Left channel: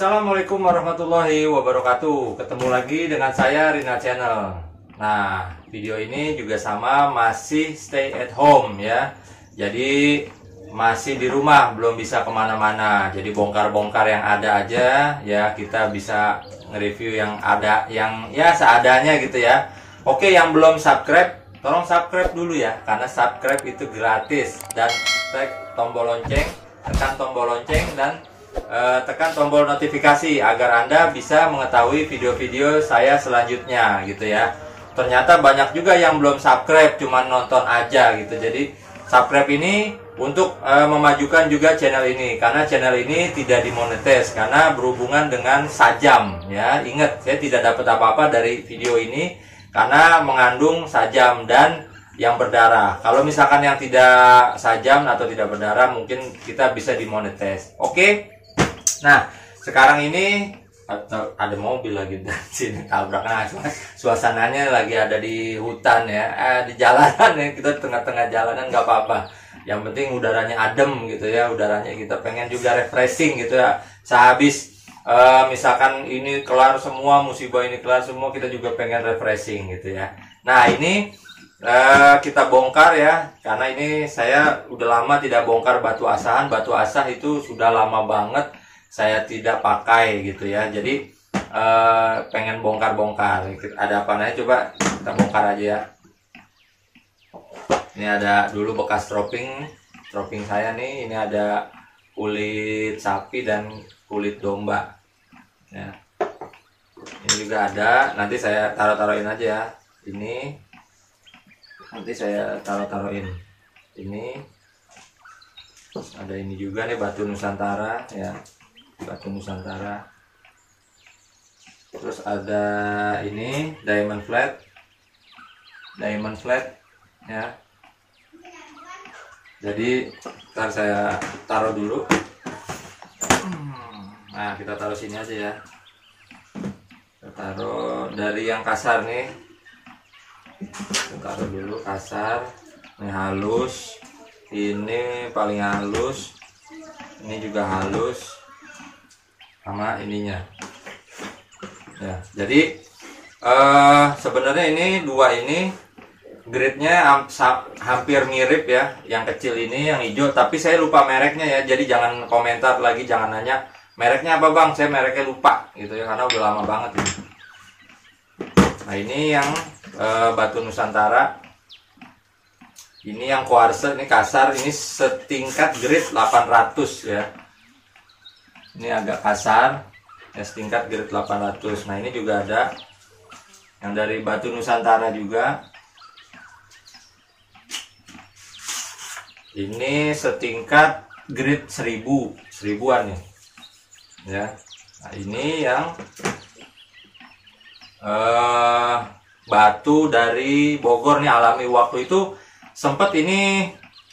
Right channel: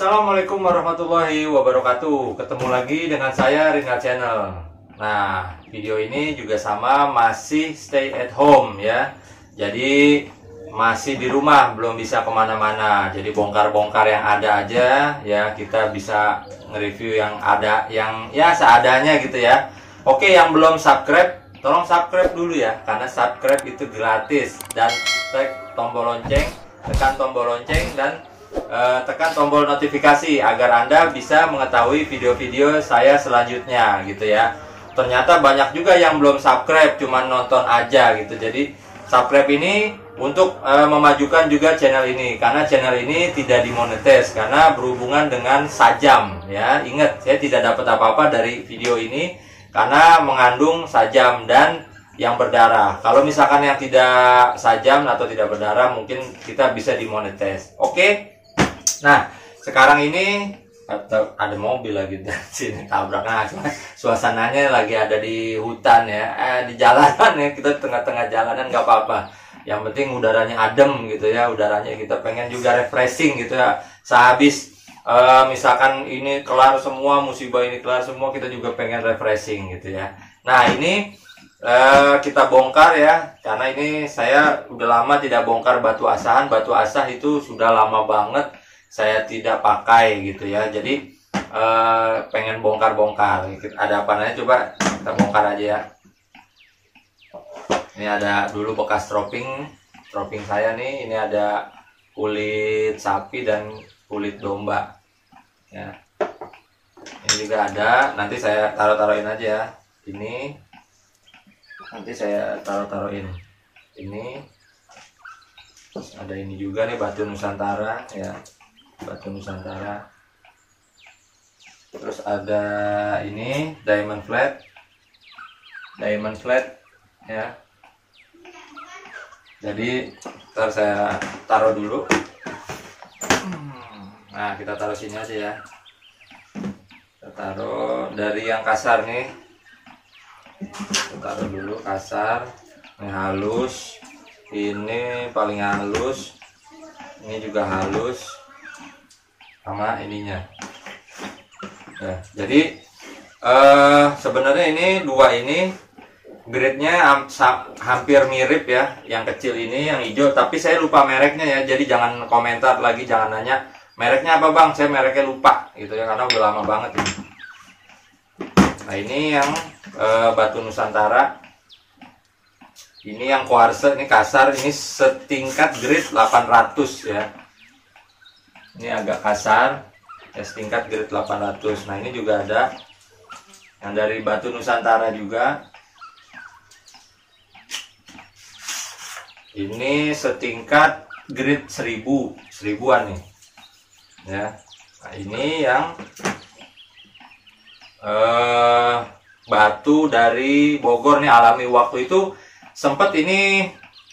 Assalamualaikum warahmatullahi wabarakatuh. Ketemu lagi dengan saya Rina Channel. Nah, video ini juga sama, masih stay at home ya. Jadi masih di rumah, belum bisa kemana-mana. Jadi bongkar-bongkar yang ada aja ya. Kita bisa nge-review yang ada, yang ya seadanya gitu ya. Oke, yang belum subscribe, tolong subscribe dulu ya, karena subscribe itu gratis. Dan tekan tombol lonceng, tekan tombol lonceng dan tekan tombol notifikasi agar Anda bisa mengetahui video-video saya selanjutnya gitu ya. Ternyata banyak juga yang belum subscribe, cuman nonton aja gitu. Jadi subscribe ini untuk memajukan juga channel ini, karena channel ini tidak dimonetis karena berhubungan dengan sajam ya. Ingat, saya tidak dapat apa-apa dari video ini karena mengandung sajam dan yang berdarah. Kalau misalkan yang tidak sajam atau tidak berdarah, mungkin kita bisa dimonetis. Oke. Nah, sekarang ini ada mobil lagi dari sini tabrak. Nah, suasananya lagi ada di hutan ya, di jalanan ya. Kita tengah-tengah jalanan nggak apa-apa. Yang penting udaranya adem gitu ya. Udaranya kita pengen juga refreshing gitu ya. Sehabis misalkan ini kelar semua, musibah ini kelar semua, kita juga pengen refreshing gitu ya. Nah, ini kita bongkar ya, karena ini saya udah lama tidak bongkar batu asahan. Batu asah itu sudah lama banget saya tidak pakai gitu ya. Jadi pengen bongkar-bongkar. Ada apa namanya, coba kita bongkar aja ya. Ini ada dulu bekas stroping saya nih. Ini ada kulit sapi dan kulit domba ya. Ini juga ada, nanti saya taruh-taruhin aja ya. Ini nanti saya taruh-taruhin. Ini terus ada ini juga nih, batu Nusantara ya, batu Nusantara. Terus ada ini diamond flat ya. Jadi ntar saya taruh dulu. Nah, kita taruh sini aja ya. Kita taruh dari yang kasar nih. Kita taruh dulu kasar. Ini halus. Ini paling halus. Ini juga halus. Sama ininya. Ya, jadi sebenarnya ini dua ini grade-nya hampir mirip ya. Yang kecil ini, yang hijau, tapi saya lupa mereknya ya. Jadi jangan komentar lagi, jangan nanya mereknya apa bang, saya mereknya lupa gitu ya, karena udah lama banget ini. Nah, ini yang batu Nusantara. Ini yang kuarsa, ini kasar, ini setingkat grade 800 ya. Ini agak kasar ya, setingkat grade 800. Nah, ini juga ada yang dari batu Nusantara juga. Ini setingkat grade 1000-an nih ya. Nah, ini yang batu dari Bogor nih, alami. Waktu itu sempet ini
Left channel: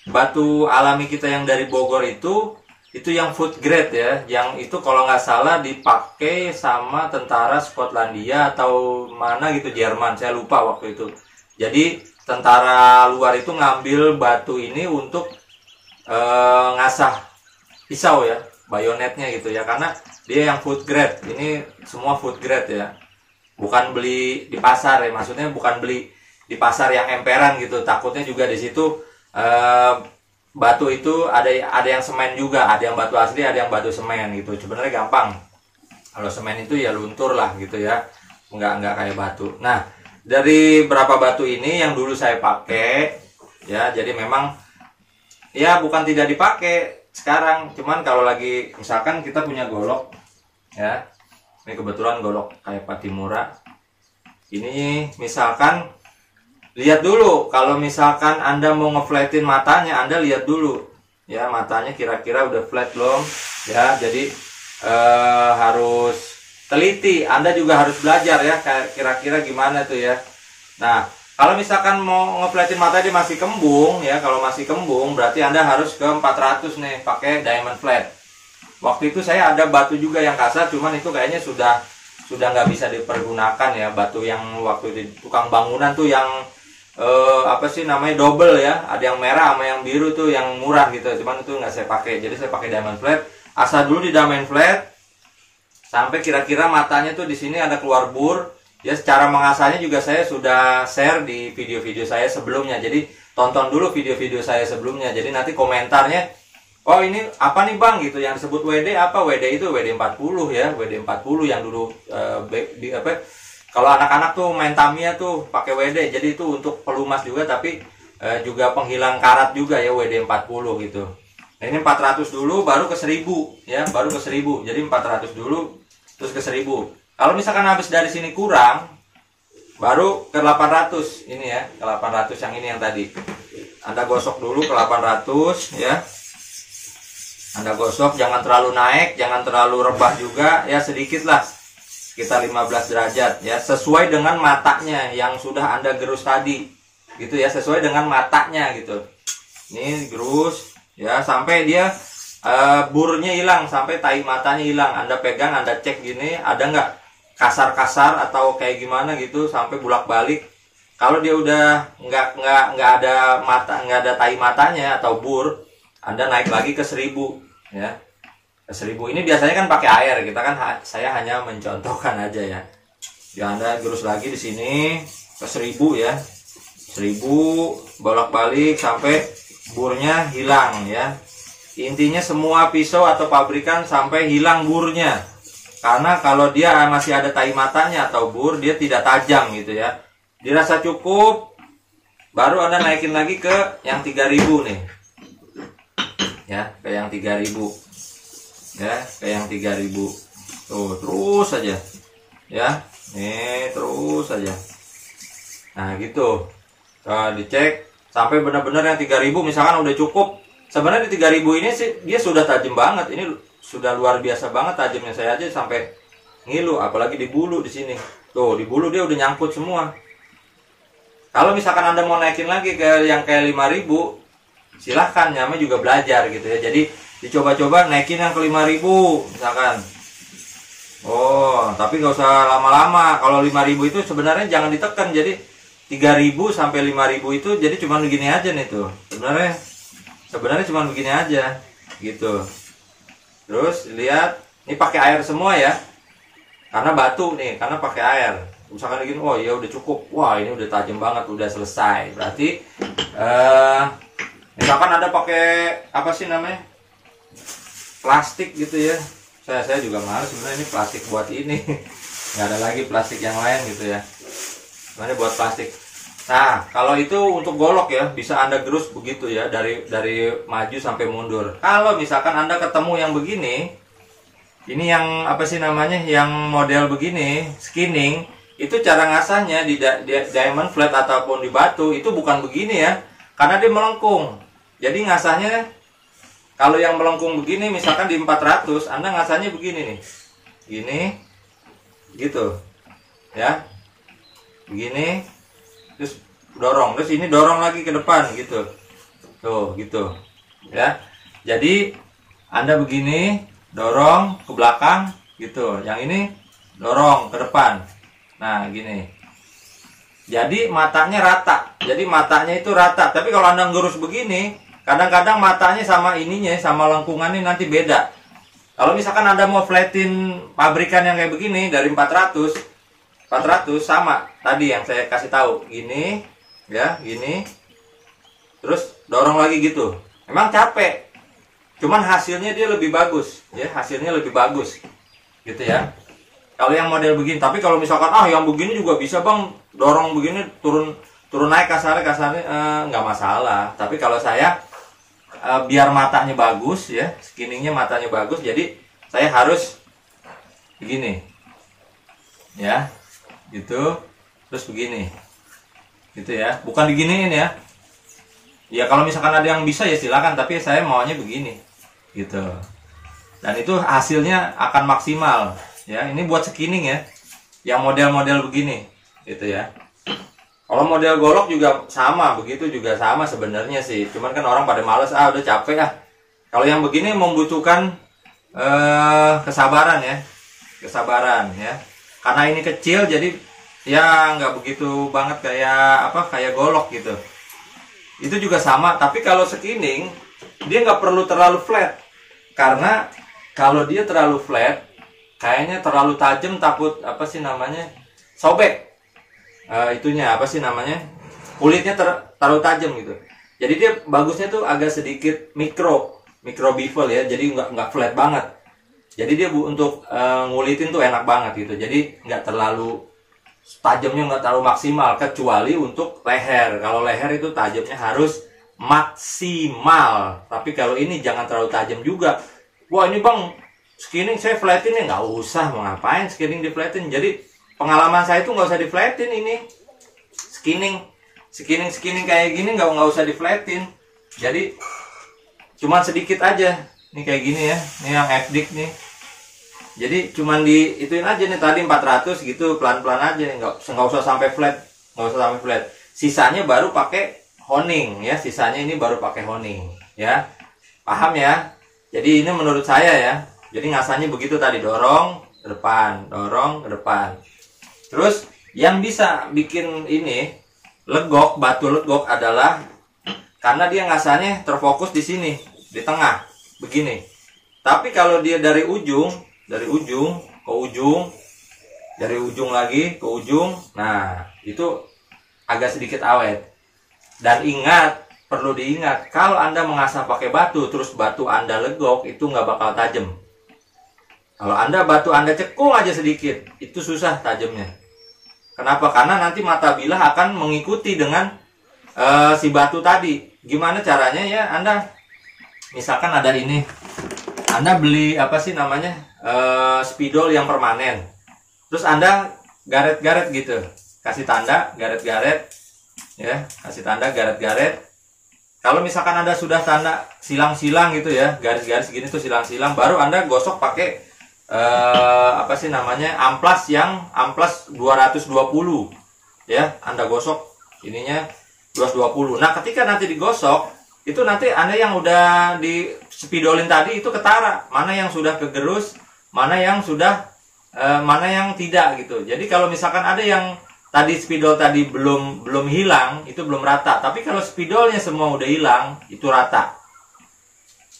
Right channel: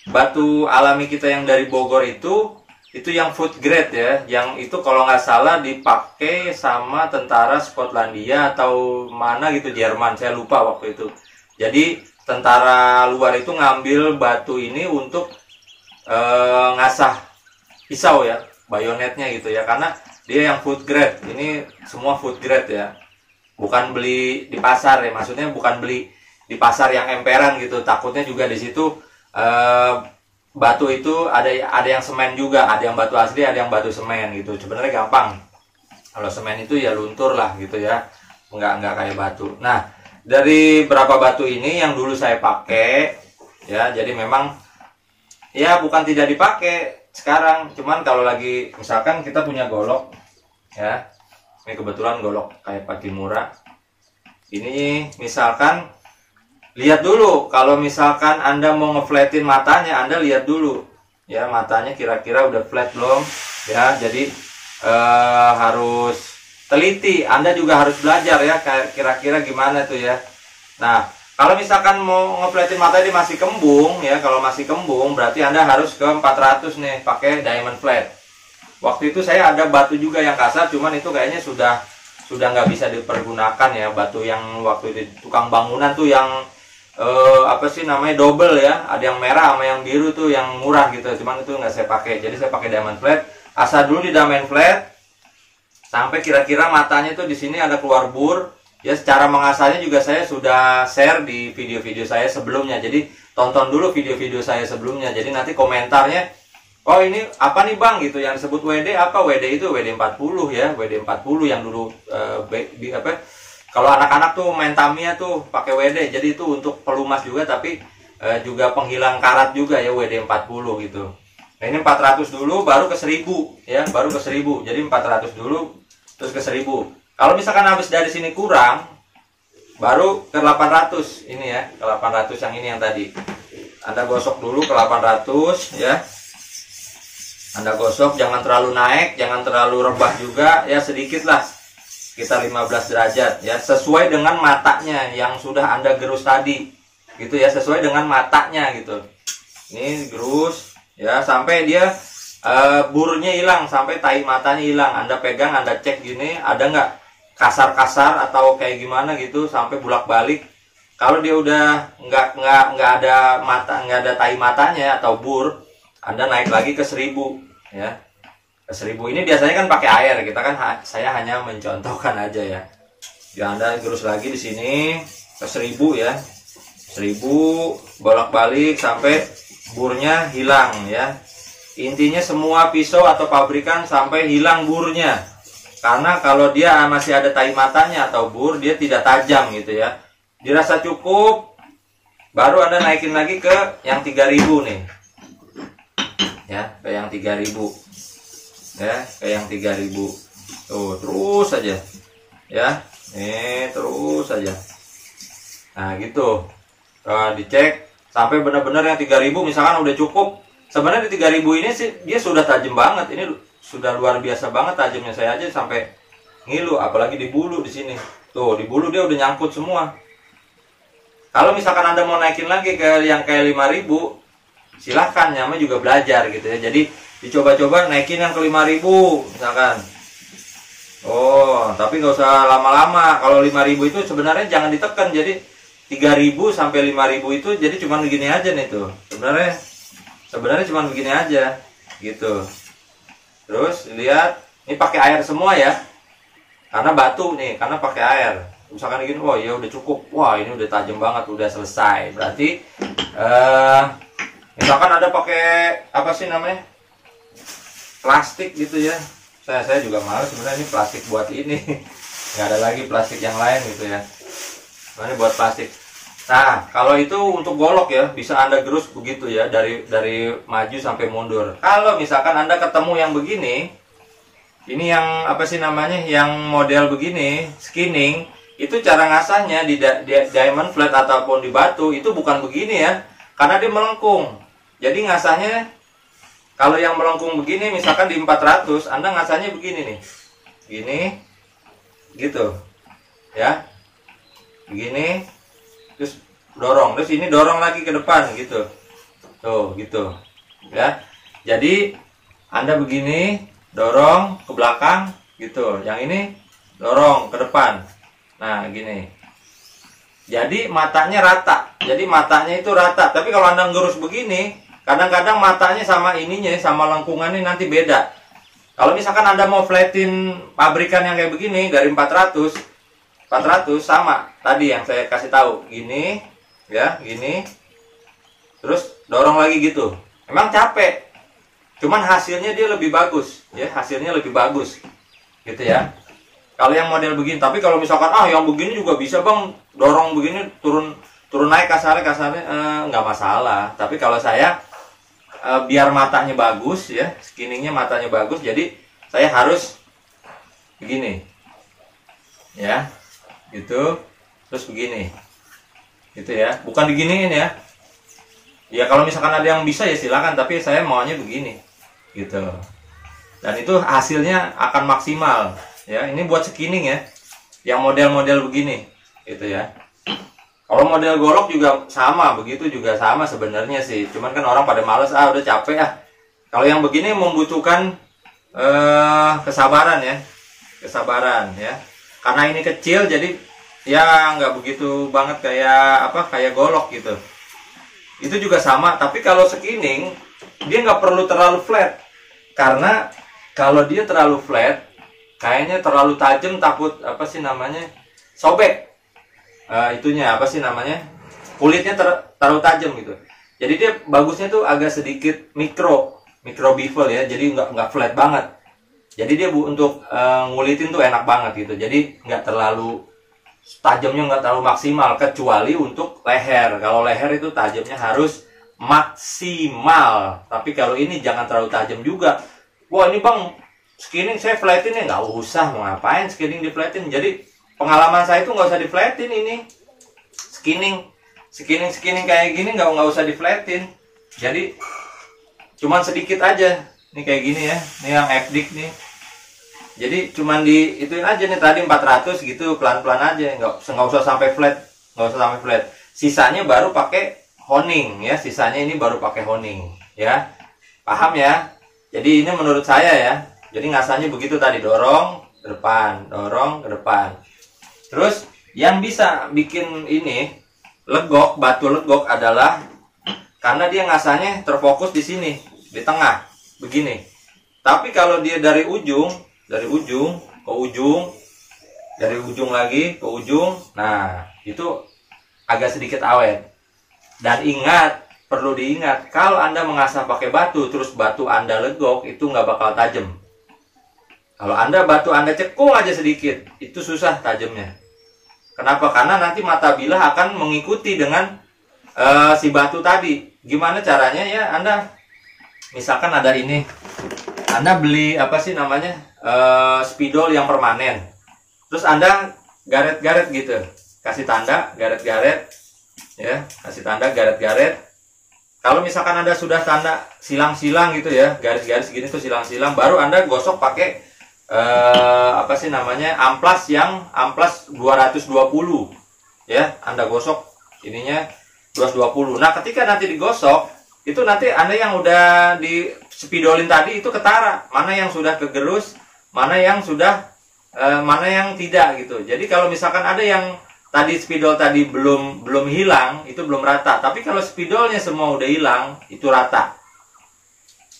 batu alami kita yang dari Bogor itu yang food grade ya, yang itu kalau nggak salah dipakai sama tentara Skotlandia atau mana gitu, Jerman, saya lupa waktu itu. Jadi tentara luar itu ngambil batu ini untuk ngasah pisau ya, bayonetnya gitu ya, karena dia yang food grade. Ini semua food grade ya, bukan beli di pasar ya, maksudnya bukan beli di pasar yang emperan gitu. Takutnya juga di situ batu itu ada yang semen juga, ada yang batu asli, ada yang batu semen gitu. Sebenarnya gampang, kalau semen itu ya luntur lah gitu ya, nggak kayak batu. Nah, dari berapa batu ini yang dulu saya pakai ya, jadi memang ya bukan tidak dipakai sekarang, cuman kalau lagi misalkan kita punya golok ya, ini kebetulan golok kayak Patimura ini, misalkan lihat dulu, kalau misalkan Anda mau ngeflatin matanya, Anda lihat dulu ya, matanya kira-kira udah flat belum ya. Jadi harus teliti, Anda juga harus belajar ya, kira-kira gimana tuh ya. Nah, kalau misalkan mau ngeflatin mata dia masih kembung ya, kalau masih kembung berarti Anda harus ke 400 nih, pakai diamond flat. Waktu itu saya ada batu juga yang kasar, cuman itu kayaknya sudah nggak bisa dipergunakan ya. Batu yang waktu itu tukang bangunan tuh yang apa sih namanya, double ya, ada yang merah sama yang biru tuh yang murah gitu, cuman itu nggak saya pakai. Jadi saya pakai diamond flat. Asal dulu di diamond flat, sampai kira-kira matanya tuh di sini ada keluar bur. Ya, secara mengasahnya juga saya sudah share di video-video saya sebelumnya. Jadi tonton dulu video-video saya sebelumnya. Jadi nanti komentarnya, oh ini apa nih bang gitu, yang disebut WD apa? WD itu WD40 ya, WD40 yang dulu kalau anak-anak tuh main Tamiya tuh pakai WD. Jadi itu untuk pelumas juga, tapi juga penghilang karat juga ya, WD40 gitu. Nah ini 400 dulu baru ke 1000 ya, baru ke 1000. Jadi 400 dulu terus ke 1000. Kalau misalkan habis dari sini kurang, baru ke 800 ini ya, ke 800 yang ini yang tadi. Anda gosok dulu ke 800 ya. Anda gosok, jangan terlalu naik, jangan terlalu rebah juga ya, sedikit lah. Sekitar 15 derajat ya, sesuai dengan matanya yang sudah Anda gerus tadi. Gitu ya, sesuai dengan matanya gitu. Ini gerus ya sampai dia burnya hilang, sampai tahi matanya hilang. Anda pegang, Anda cek gini, ada nggak kasar-kasar atau kayak gimana gitu, sampai bulak-balik. Kalau dia udah nggak ada mata, nggak ada tahi matanya atau bur, Anda naik lagi ke 1000 ya. Ke 1000 ini biasanya kan pakai air, kita kan saya hanya mencontohkan aja ya. Ya Anda gerus lagi di sini ke 1000 ya. 1000 bolak-balik sampai burnya hilang ya. Intinya semua pisau atau pabrikan sampai hilang burnya. Karena kalau dia masih ada tahi matanya atau bur, dia tidak tajam gitu ya. Dirasa cukup, baru Anda naikin lagi ke yang 3000 nih. Ya, ke yang 3000. Ya, ke yang 3000. Tuh, terus saja. Ya, nih terus saja. Nah, gitu. Dicek sampai benar-benar yang 3000 misalkan udah cukup. Sebenarnya di 3000 ini sih dia sudah tajam banget. Ini sudah luar biasa banget tajamnya, saya aja sampai ngilu, apalagi di bulu di sini. Tuh, di bulu dia udah nyangkut semua. Kalau misalkan Anda mau naikin lagi ke yang kayak 5000, silahkan, namanya juga belajar gitu ya. Jadi dicoba-coba naikin yang ke 5000 misalkan. Oh, tapi nggak usah lama-lama. Kalau 5000 itu sebenarnya jangan ditekan. Jadi 3000 sampai 5000 itu jadi cuma begini aja nih tuh. Sebenarnya cuma begini aja gitu. Terus lihat, ini pakai air semua ya. Karena batu nih, karena pakai air. Misalkan gini, wah ya udah cukup. Wah, ini udah tajam banget, udah selesai. Berarti misalkan ada pakai apa sih namanya? Plastik gitu ya. Saya juga males sebenarnya, ini plastik buat ini. Nggak ada lagi plastik yang lain gitu ya. Sebenarnya buat plastik. Nah, kalau itu untuk golok ya, bisa Anda gerus begitu ya, dari maju sampai mundur. Kalau misalkan Anda ketemu yang begini, ini yang apa sih namanya, yang model begini, skinning, itu cara ngasahnya di diamond flat ataupun di batu, itu bukan begini ya, karena dia melengkung. Jadi ngasahnya, kalau yang melengkung begini, misalkan di 400, Anda ngasahnya begini nih. Gini, gitu. Ya, begini. Terus dorong, terus ini dorong lagi ke depan gitu. Tuh, gitu. Ya. Jadi Anda begini, dorong ke belakang gitu. Yang ini dorong ke depan. Nah, gini. Jadi matanya rata. Jadi matanya itu rata. Tapi kalau Anda ngurus begini, kadang-kadang matanya sama ininya, sama lengkungannya nanti beda. Kalau misalkan Anda mau flatin pabrikan yang kayak begini dari 400 sama tadi yang saya kasih tahu, gini ya, gini terus dorong lagi gitu. Memang capek, cuman hasilnya dia lebih bagus ya, hasilnya lebih bagus gitu ya kalau yang model begini. Tapi kalau misalkan yang begini juga bisa bang, dorong begini turun naik kasarnya nggak masalah. Tapi kalau saya biar matanya bagus ya, skinningnya matanya bagus, jadi saya harus begini ya, gitu, terus begini gitu ya, bukan diginiin ya. Ya kalau misalkan ada yang bisa ya silakan, tapi saya maunya begini gitu, dan itu hasilnya akan maksimal ya. Ini buat skinning ya, yang model-model begini gitu ya. Kalau model golok juga sama, begitu juga sama sebenarnya sih, cuman kan orang pada males, udah capek ah. Kalau yang begini membutuhkan kesabaran ya, karena ini kecil jadi ya nggak begitu banget kayak golok gitu. Itu juga sama. Tapi kalau skinning dia nggak perlu terlalu flat, karena kalau dia terlalu flat kayaknya terlalu tajam, takut apa sih namanya, sobek. Itunya apa sih namanya, kulitnya terlalu tajam gitu. Jadi dia bagusnya tuh agak sedikit mikro bevel ya, jadi nggak flat banget. Jadi dia untuk ngulitin tuh enak banget gitu. Jadi nggak terlalu tajamnya, nggak terlalu maksimal, kecuali untuk leher. Kalau leher itu tajamnya harus maksimal. Tapi kalau ini jangan terlalu tajam juga. Wah ini bang, skinning saya flatin ya, nggak usah, mau ngapain skinning di flatin. Jadi pengalaman saya tuh nggak usah di flatin ini. Skinning kayak gini nggak usah di flatin. Jadi cuman sedikit aja. Ini kayak gini ya. Ini yang FDIC nih. Jadi cuman di ituin aja nih, tadi 400 gitu, pelan-pelan aja, nggak usah sampai flat, Sisanya baru pakai honing ya. Sisanya ini baru pakai honing ya. Paham ya? Jadi ini menurut saya ya. Jadi ngasahnya begitu tadi, dorong ke depan, dorong ke depan. Terus yang bisa bikin ini legok, batu legok adalah karena dia ngasahnya terfokus di sini, di tengah, begini. Tapi kalau dia dari ujung ke ujung, dari ujung lagi ke ujung, nah itu agak sedikit awet. Dan ingat, perlu diingat, kalau Anda mengasah pakai batu, terus batu Anda legok, itu nggak bakal tajam. Kalau batu Anda cekung aja sedikit, itu susah tajamnya. Kenapa? Karena nanti mata bilah akan mengikuti dengan si batu tadi. Gimana caranya ya? Anda misalkan ada ini, Anda beli apa sih namanya, spidol yang permanen, terus Anda garet-garet gitu, kasih tanda garet-garet ya, kasih tanda garet-garet. Kalau misalkan Anda sudah tanda silang-silang gitu ya, garis-garis gini tuh silang-silang, baru Anda gosok pakai apa sih namanya, amplas 220 ya. Anda gosok ininya 220. Nah ketika nanti digosok, itu nanti Anda yang udah di spidolin tadi itu ketara, mana yang sudah kegerus, mana yang sudah mana yang tidak gitu. Jadi kalau misalkan ada yang tadi spidol tadi belum hilang, itu belum rata. Tapi kalau spidolnya semua udah hilang, itu rata.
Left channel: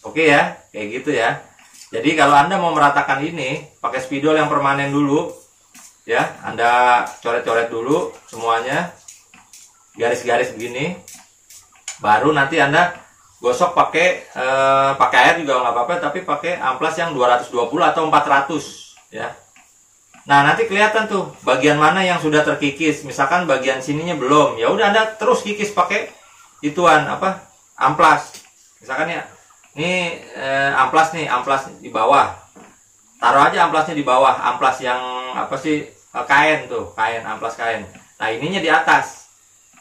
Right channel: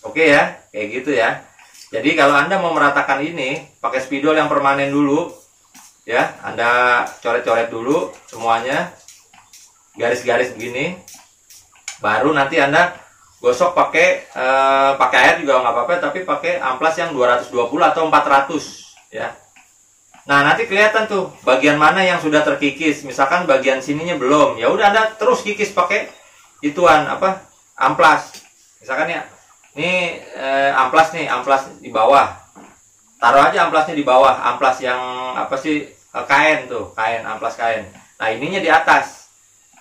Oke ya, kayak gitu ya. Jadi kalau Anda mau meratakan ini, pakai spidol yang permanen dulu ya. Anda coret-coret dulu semuanya, garis-garis begini. Baru nanti Anda gosok pakai air juga nggak apa-apa, tapi pakai amplas yang 220 atau 400 ya. Nah nanti kelihatan tuh bagian mana yang sudah terkikis. Misalkan bagian sininya belum, ya udah Anda terus kikis pakai ituan apa, amplas. Misalkan ya, ini amplas nih, amplas di bawah. Taruh aja amplasnya di bawah, amplas yang apa sih, kain tuh, kain, amplas kain. Nah ininya di atas,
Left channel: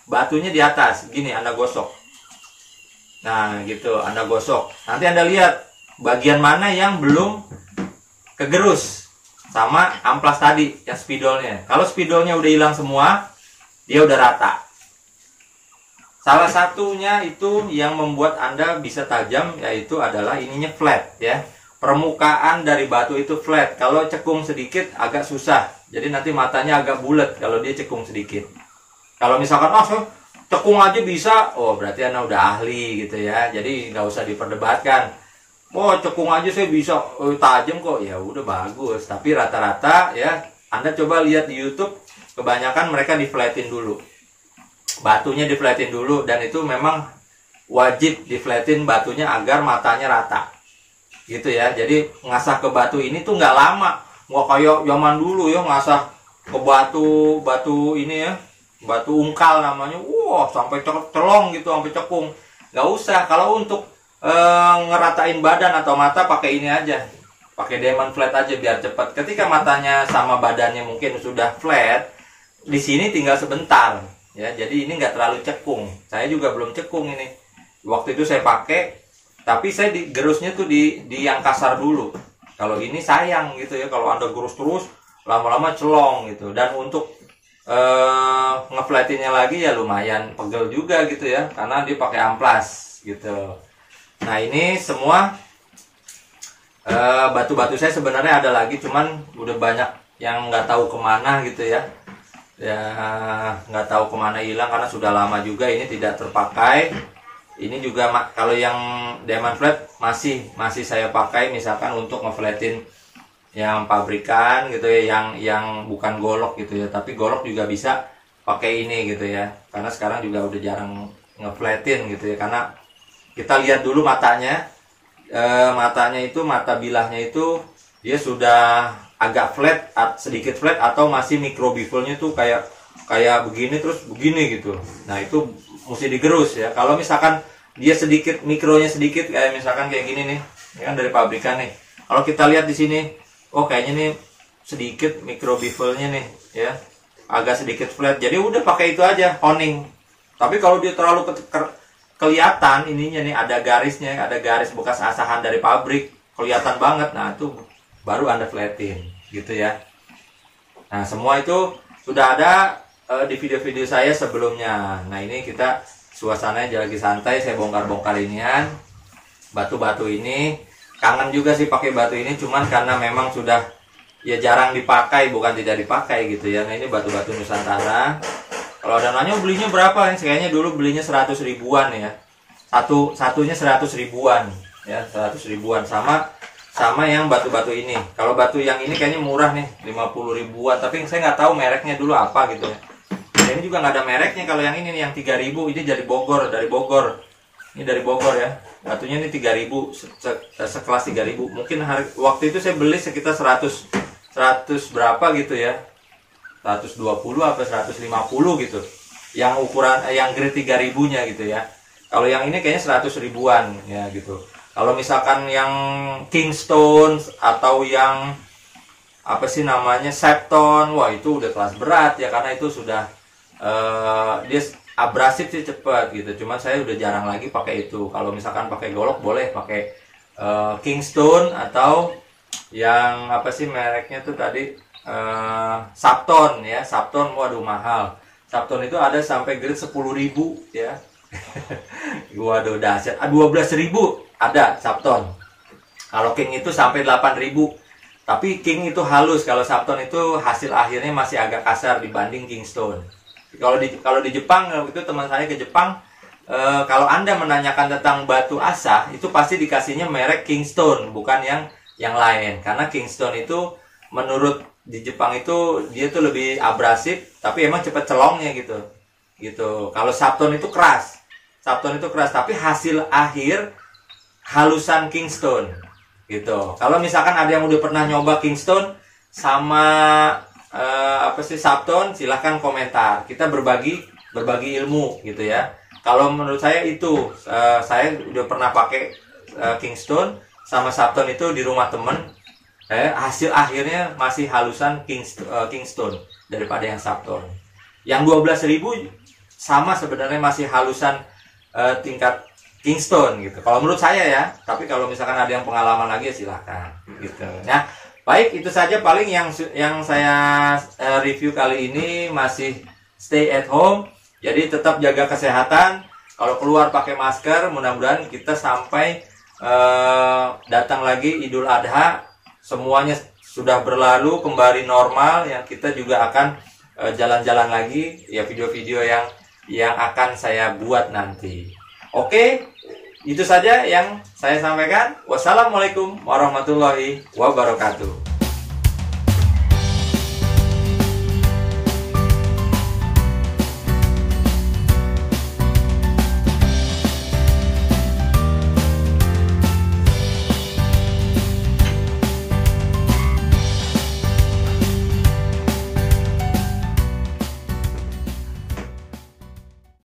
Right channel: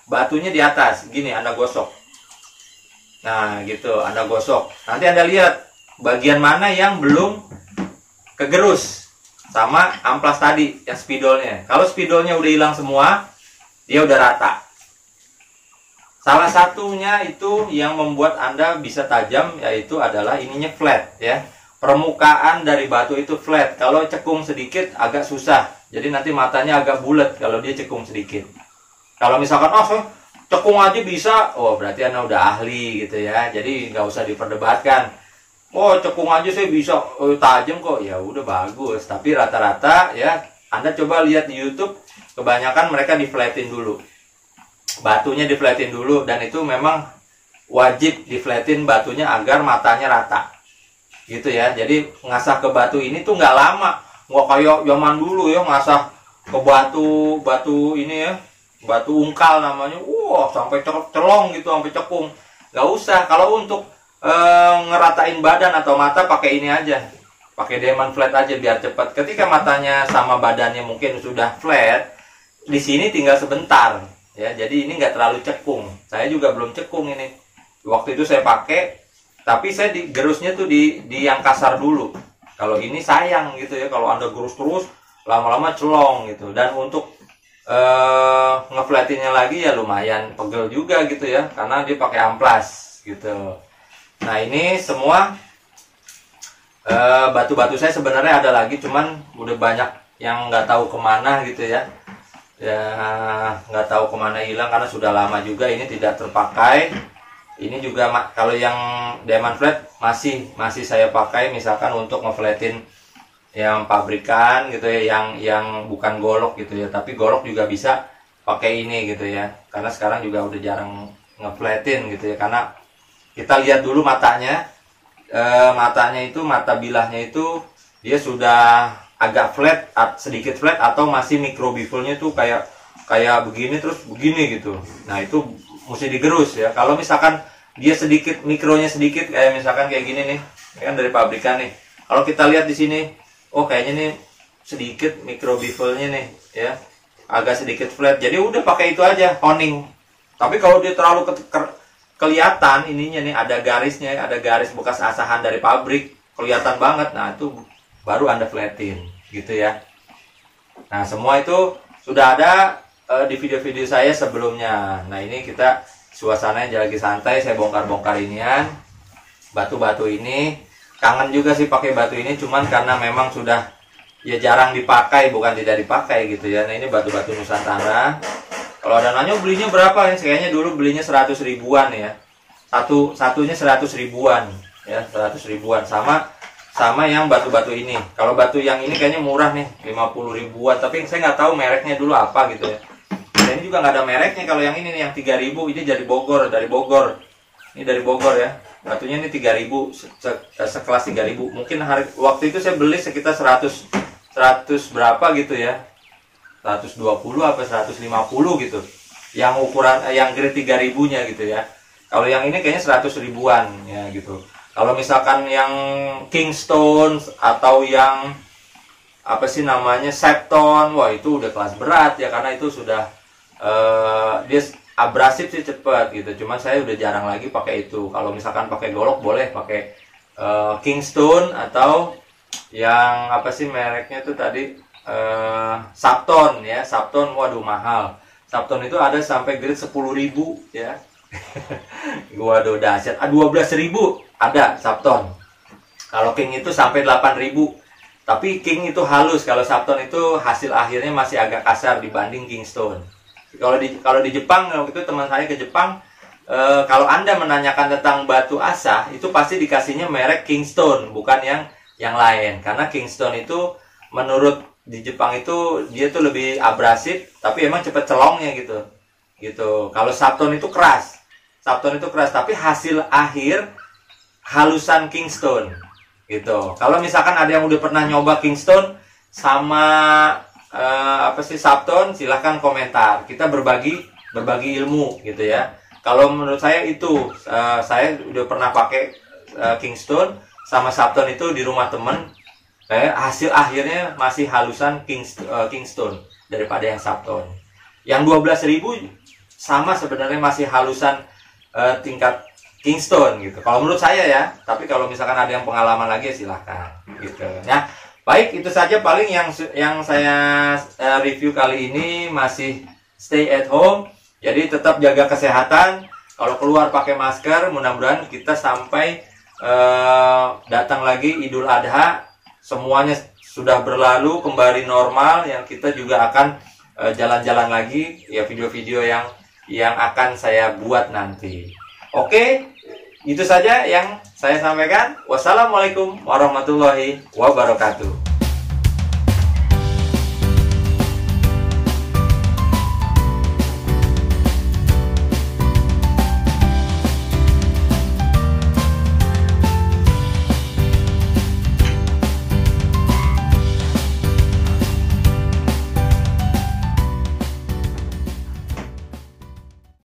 batunya di atas. Gini Anda gosok. Nah gitu Anda gosok. Nanti Anda lihat bagian mana yang belum kegerus sama amplas tadi yang spidolnya. Kalau spidolnya udah hilang semua, dia udah rata. Salah satunya itu yang membuat Anda bisa tajam, yaitu adalah ininya flat ya. Permukaan dari batu itu flat. Kalau cekung sedikit agak susah. Jadi nanti matanya agak bulat kalau dia cekung sedikit. Kalau misalkan cekung aja bisa, oh berarti Anda udah ahli gitu ya. Jadi nggak usah diperdebatkan. Oh cekung aja saya bisa tajam kok, ya udah bagus. Tapi rata-rata ya, Anda coba lihat di YouTube, kebanyakan mereka diflatin dulu. Batunya diflatin dulu, dan itu memang wajib diflatin batunya agar matanya rata gitu ya. Jadi ngasah ke batu ini tuh nggak lama, nggak kayak zaman dulu ya ngasah ke batu ini ya, batu ungkal namanya, sampai celong gitu, sampai cekung. Nggak usah. Kalau untuk ngeratain badan atau mata, pakai ini aja, pakai diamond flat aja biar cepat. Ketika matanya sama badannya mungkin sudah flat, di sini tinggal sebentar ya. Jadi ini nggak terlalu cekung. Saya juga belum cekung ini. Waktu itu saya pakai, tapi saya gerusnya tuh di yang kasar dulu. Kalau ini sayang gitu ya, kalau Anda gerus terus lama-lama celong gitu. Dan untuk ngeflatinnya lagi ya lumayan pegel juga gitu ya, karena dia pakai amplas gitu. Nah ini semua batu-batu saya sebenarnya ada lagi, cuman udah banyak yang nggak tahu kemana gitu ya. Ya nggak tahu kemana hilang karena sudah lama juga ini tidak terpakai. Ini juga kalau yang diamond flat masih saya pakai, misalkan untuk ngeflatin yang pabrikan gitu ya, yang bukan golok gitu ya, tapi golok juga bisa pakai ini gitu ya, karena sekarang juga udah jarang ngeflatin gitu ya, karena kita lihat dulu matanya, matanya itu, mata bilahnya itu dia sudah agak flat, sedikit flat, atau masih micro bevelnya tuh kayak begini terus begini gitu. Nah itu mesti digerus ya. Kalau misalkan dia sedikit, mikronya sedikit, kayak misalkan kayak gini nih, ini kan dari pabrikan nih. Kalau kita lihat di sini, oh kayaknya nih sedikit micro bevelnya nih ya, agak sedikit flat. Jadi udah pakai itu aja, honing. Tapi kalau dia terlalu kelihatan ininya nih, ada garisnya, ada garis bekas asahan dari pabrik, kelihatan banget. Nah itu baru Anda flatin gitu ya. Nah semua itu sudah ada di video-video saya sebelumnya. Nah ini kita suasananya lagi santai, saya bongkar-bongkar inian batu-batu ini. Kangen juga sih pakai batu ini, cuman karena memang sudah ya jarang dipakai, bukan tidak dipakai gitu ya. Nah ini batu-batu Nusantara. Kalau ada nanya belinya berapa, ini kayaknya dulu belinya 100 ribuan ya. Satunya 100 ribuan ya, 100 ribuan sama yang batu-batu ini. Kalau batu yang ini kayaknya murah nih, 50 ribuan, tapi saya nggak tahu mereknya dulu apa gitu ya. Dan ini juga nggak ada mereknya. Kalau yang ini nih, yang 3.000, ini dari Bogor. Ini dari Bogor ya. Batunya ini 3.000, sekelas 3.000. Mungkin waktu itu saya beli sekitar 100 berapa gitu ya. 120 apa 150 gitu. Yang ukuran yang grade 3.000-nya gitu ya. Kalau yang ini kayaknya 100 ribuan ya gitu. Kalau misalkan yang Kingstone atau yang apa sih namanya, Septon, wah itu udah kelas berat ya, karena itu sudah dia abrasif sih cepet gitu. Cuman saya udah jarang lagi pakai itu. Kalau misalkan pakai golok boleh pakai Kingstone, atau yang apa sih mereknya tuh tadi, Sapton ya. Sapton waduh mahal. Sapton itu ada sampai grade 10.000 ya. Waduh dahsyat. 12.000 ada Sapton. Kalau King itu sampai 8.000. Tapi King itu halus. Kalau Sapton itu hasil akhirnya masih agak kasar dibanding Kingstone. Kalau di Jepang, waktu itu teman saya ke Jepang, kalau Anda menanyakan tentang batu asah, itu pasti dikasihnya merek Kingstone, bukan yang lain. Karena Kingstone itu menurut di Jepang itu dia tuh lebih abrasif, tapi emang cepet celongnya gitu. Kalau Sapton itu keras. Tapi hasil akhir halusan Kingstone gitu. Kalau misalkan ada yang udah pernah nyoba Kingstone sama apa sih Sapton, silahkan komentar. Kita berbagi ilmu gitu ya. Kalau menurut saya itu saya udah pernah pakai Kingstone sama Sapton itu di rumah temen. Hasil akhirnya masih halusan Kingstone daripada yang Sapton. Yang 12.000 sama sebenarnya masih halusan tingkat Kingstone gitu. Kalau menurut saya ya. Tapi kalau misalkan ada yang pengalaman lagi ya silahkan gitu. Nah, baik, itu saja paling yang saya review kali ini. Masih stay at home. Jadi tetap jaga kesehatan. Kalau keluar pakai masker. Mudah-mudahan kita sampai datang lagi Idul Adha, semuanya sudah berlalu kembali normal. Yang kita juga akan jalan-jalan lagi ya, video-video yang akan saya buat nanti. Oke, itu saja yang saya sampaikan. Wassalamualaikum warahmatullahi wabarakatuh.